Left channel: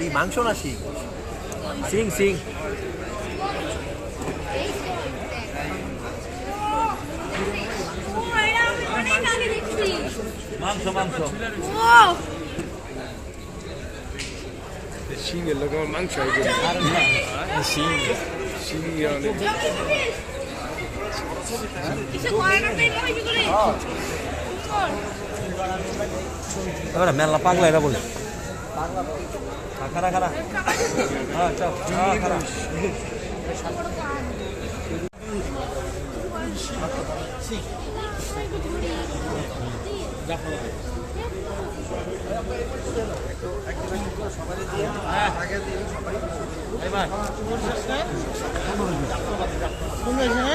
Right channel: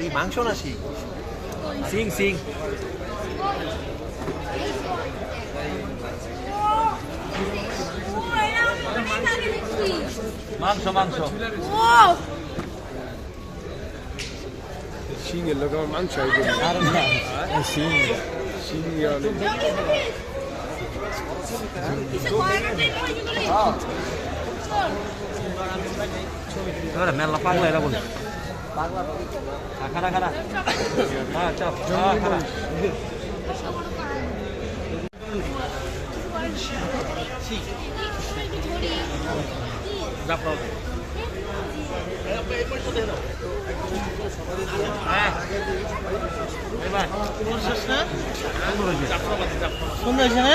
এই মাংস না শিং? শিং শিং। মাংস মাংস। শিঙের লোক আমার মাংস শিং শিং মেলা পাগলা এরা বলে খারা খারা কোন হয়েছে না